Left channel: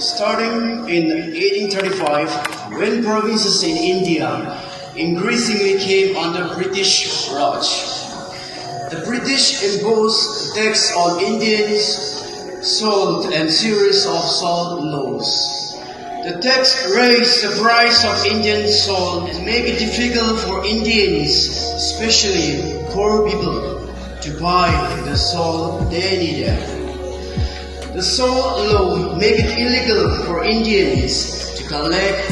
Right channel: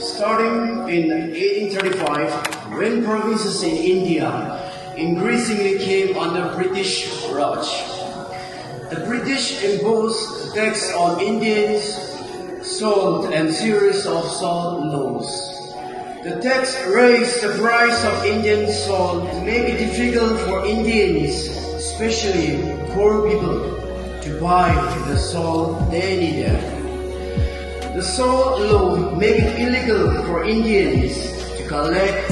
Starting in 1835, when provinces in India increasingly came under British Raj, the British imposed tax on Indians, salt and series of salt laws. The tax raised the price of Indian salt and made it difficult for Indians, especially poor people, to buy the salt they needed. The salt law made it illegal for Indians to collect,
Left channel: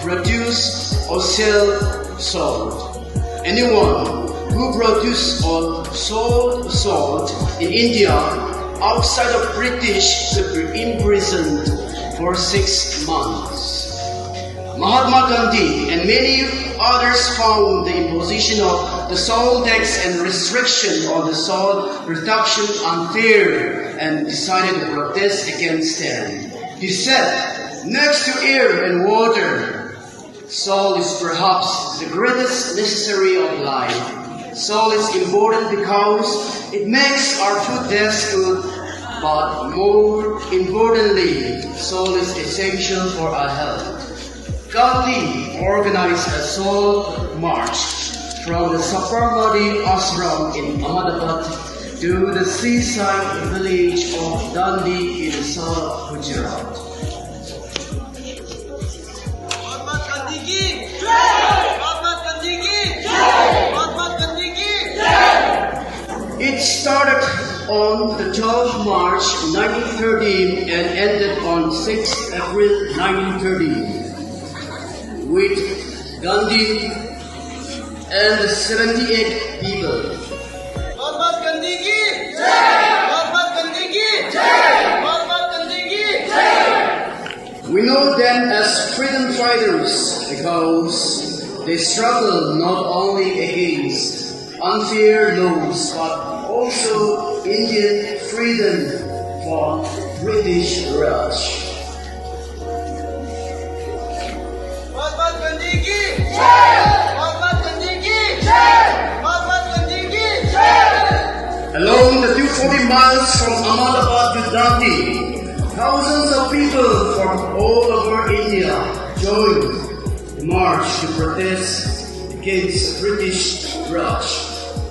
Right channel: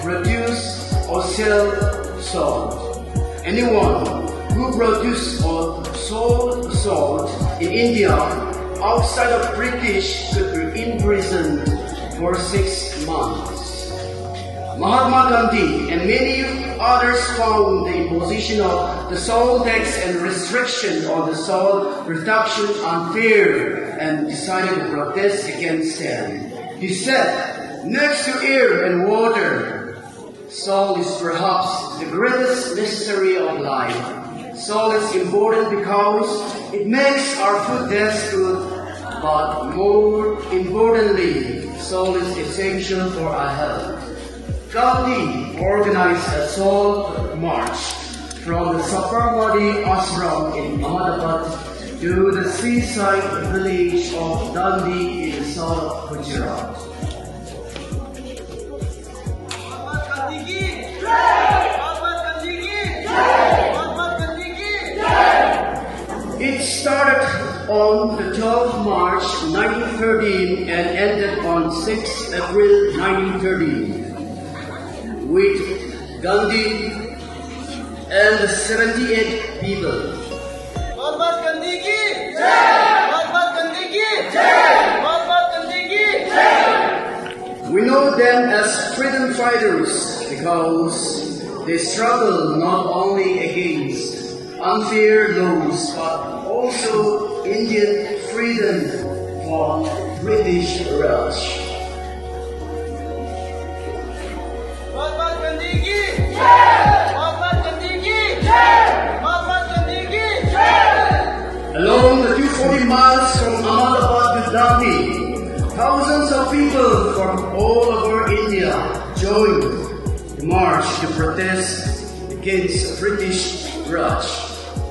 produce or sell salt. Anyone who produced or sold salt in India outside of British could be imprisoned for 6 months. Mahatma Gandhi and many others found the imposition of the salt tax and restriction on the salt production unfair and decided to protest against them. He said, "Next to air and water, salt is perhaps the greatest necessary of life. Salt is important because it makes our food taste good, but more importantly, salt is essential for our health." Gandhi organized a salt march from the Sabarmati Ashram in Ahmedabad to the seaside village of Dandi in the south of Gujarat. Mahatma Gandhi ki jai! Mahatma Gandhi ki jai! Mahatma Gandhi ki jai! It started on the 12th March 1913 and ended on 6th April 1913 with Gandhi and 78 people. Mahatma Gandhi ki jai! Mahatma Gandhi ki jai! Mahatma Gandhi ki jai! We know them as freedom fighters because they struggled not only against unfair laws but also Indian freedom from British Raj. Mahatma Gandhi ki jai! Mahatma Gandhi ki jai! Mahatma Gandhi ki jai! Along the 240 miles from Ahmedabad to Dandi, thousands of people from all over India joined the march to protest against British Raj.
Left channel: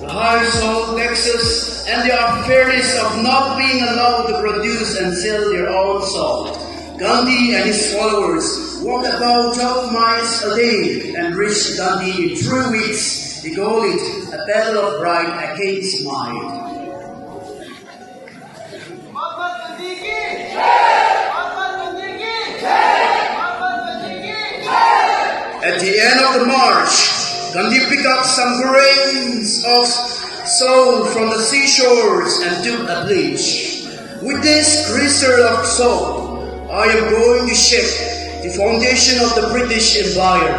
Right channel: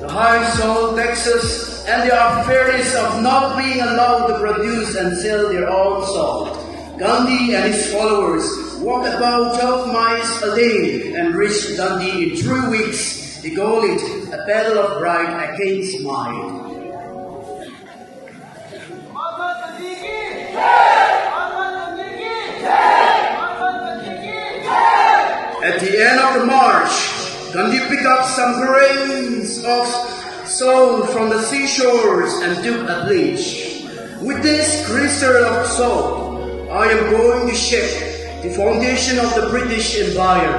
The high salt taxes and the unfairness of not being allowed to produce and sell their own salt. Gandhi and his followers walked about 12 miles a day and reached Dandi in 3 weeks. They called it a battle of right against might. Mahatma Gandhi ki jai! Mahatma Gandhi ki jai! Mahatma Gandhi ki jai! At the end of the march, Gandhi picked up some grains of salt from the seashores and took a pledge. With this crystal of salt, I am going to shake the foundation of the British Empire.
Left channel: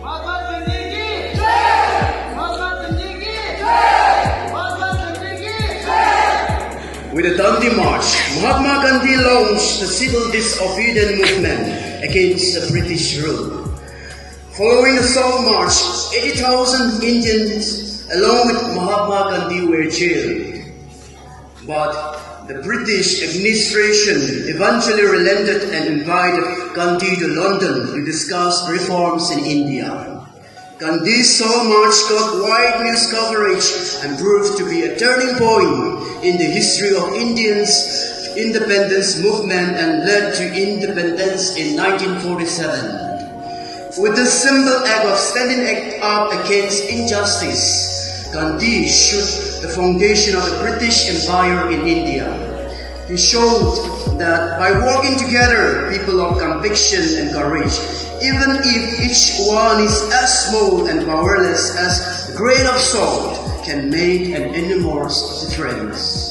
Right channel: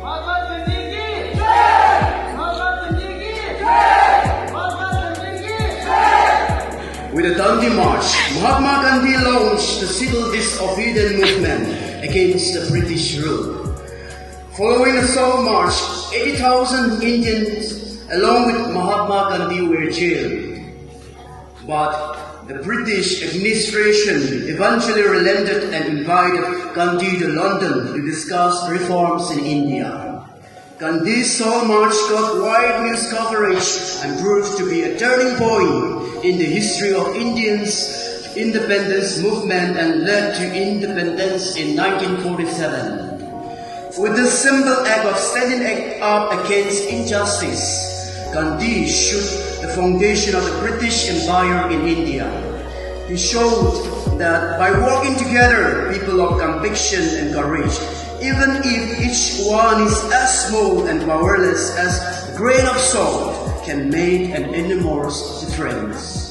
Mahatma Gandhi ki jai! Mahatma Gandhi ki jai! Mahatma Gandhi ki jai! With the Dandi March, Mahatma Gandhi launched the civil disobedience movement against the British rule. Following the Salt March, 80,000 Indians along with Mahatma Gandhi were jailed. But the British administration eventually relented and invited Gandhi to London to discuss reforms in India. Gandhi's Salt March got wide news coverage and proved to be a turning point in the history of Indians' independence movement and led to independence in 1947. With this simple act of standing up against injustice, Gandhi shook the foundation of the British Empire in India. He showed that by working together, people of conviction and courage, even if each one is as small and powerless as a grain of salt, can make an enormous difference.